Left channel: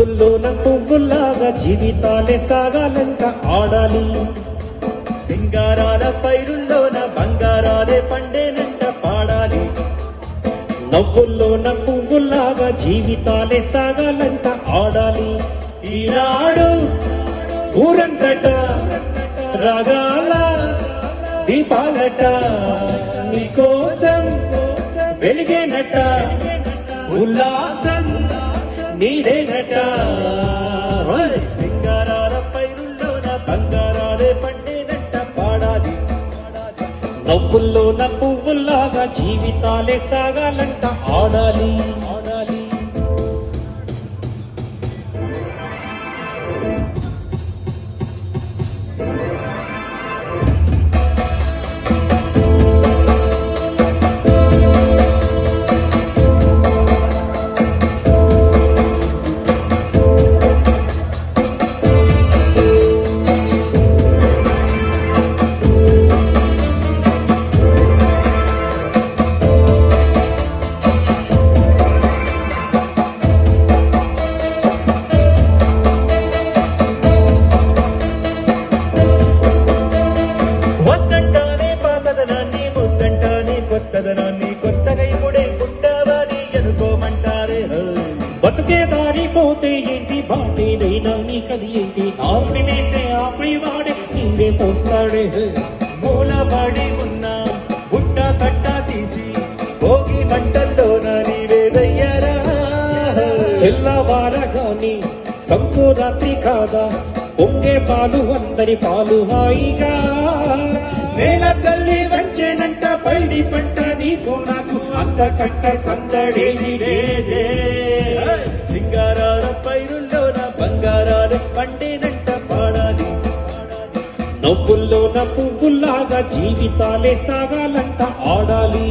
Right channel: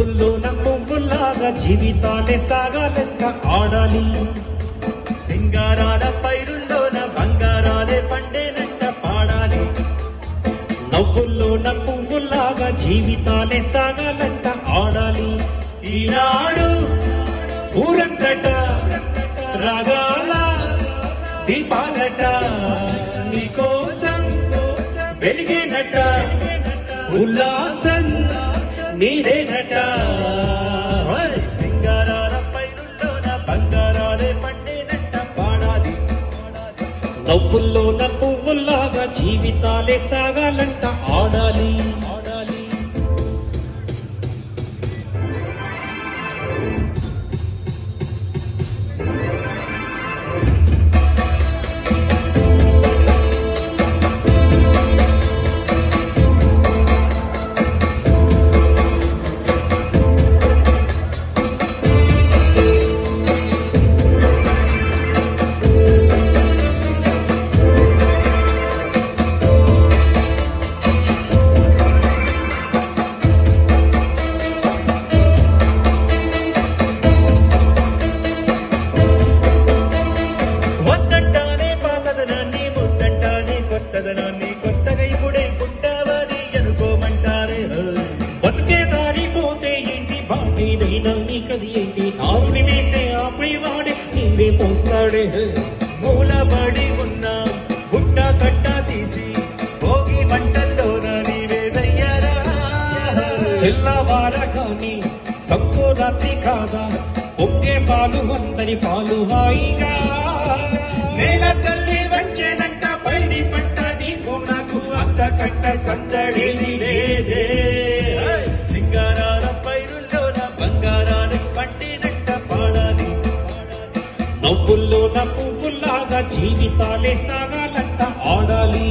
నవ్వుల్లోన పువ్వుల్లాగా జీవితాలే సాగాలంట ఆడాలి. సింగారాల పైరుల్లోన బంగారాలే పండేనంట పాడాలి. నవ్వుల్లోన పువ్వుల్లాగా జీవితాలే సాగాలంట ఆడాలి. ఈనాడు ఊరంతట రాగాల దీపాలట నీకోసం వెలిగేనట ఉల్లాసం నీదేనట. సింగారాల పైరుల్లోన బంగారాలే పండేనంట పాడాలి. నవ్వుల్లోన పువ్వుల్లాగా జీవితాలే సాగాలంట ఆడాలి. కొత్తగా ఇప్పుడే గుండావాది అనుకోమంటారే. బతుకే దారిపోతే ఏంటి బాధేదైనా నీకది ఏంటి ఆపి వేసే ఆపై వాడే నీరే పోస్తాడే. మూలపడి ఉన్న గుట్ట కట్ట తీసి భోగి మంటల్లో నీవే వెయ్యారా. తెల్లవారగాని సంపూరాత్రి కాదా పొంగే పాలు అందరి పాలు హాయిగా. నేల కల్లి దంచేనంట పైడి పంట నీకు నాకు అంత కట్ట సందడేది లేదే. సింగారాల పైరుల్లోన బంగారాలు పండినంట పాడాలి. నవ్వుల్లోన పువ్వుల్లాగా జీవితాలే సాగాలంట ఆడాలి.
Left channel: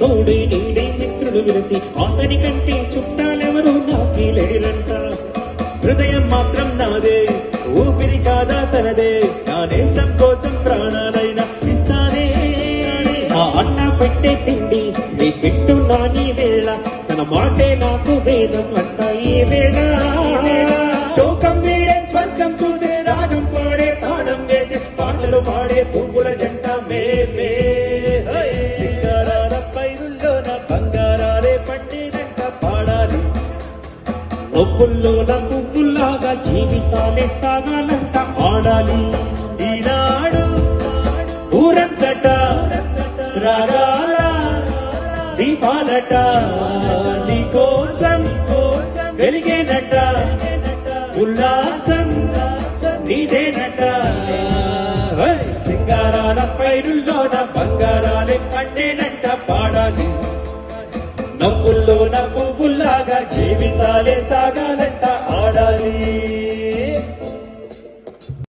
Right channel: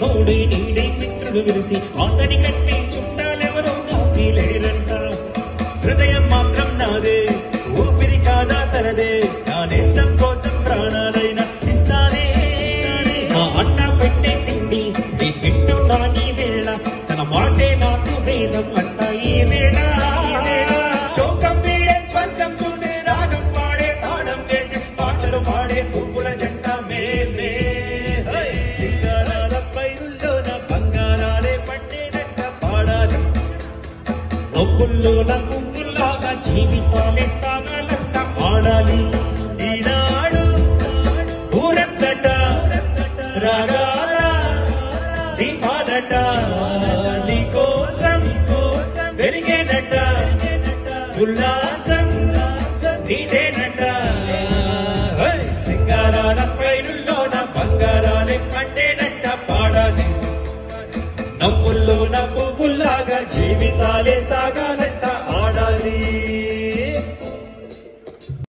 తోడి నిండి మిత్రులు విరిచి అతని కంటే చుట్టాలెవరూ నాటి లేరంట. హృదయం మాత్రం నాదే ఊపిరి కాదా తనదే. నా దేశం కోసం ప్రాణాలైనా ఇస్తానే. మా అన్న పెట్టే తిండి నీ తింటున్నా నీ వేళ తన మాటే నాకు వేదం అంట ఈ వేళ. శోకం వీడే స్వంతం చూసే రాగం పాడే తాళం వేసే పాటలు పాడే పువ్వుల జంట మేలే. సింగారాల పైరుల్లోన బంగారాలే పండినంట పాడాలి. నవ్వుల్లోన పువ్వుల్లాగా జీవితాలే సాగాలంట ఆడాలి. ఈనాడు ఊరంతట రాగాల దీపాలట నీకోసం వెలిగేనట ఉల్లాసం నీదేనట. సింగారాల పైరుల్లోన బంగారాలే పండినంట పాడాలి. నవ్వుల్లోన పువ్వుల్లాగా జీవితాలే సాగాలంట ఆడాలి.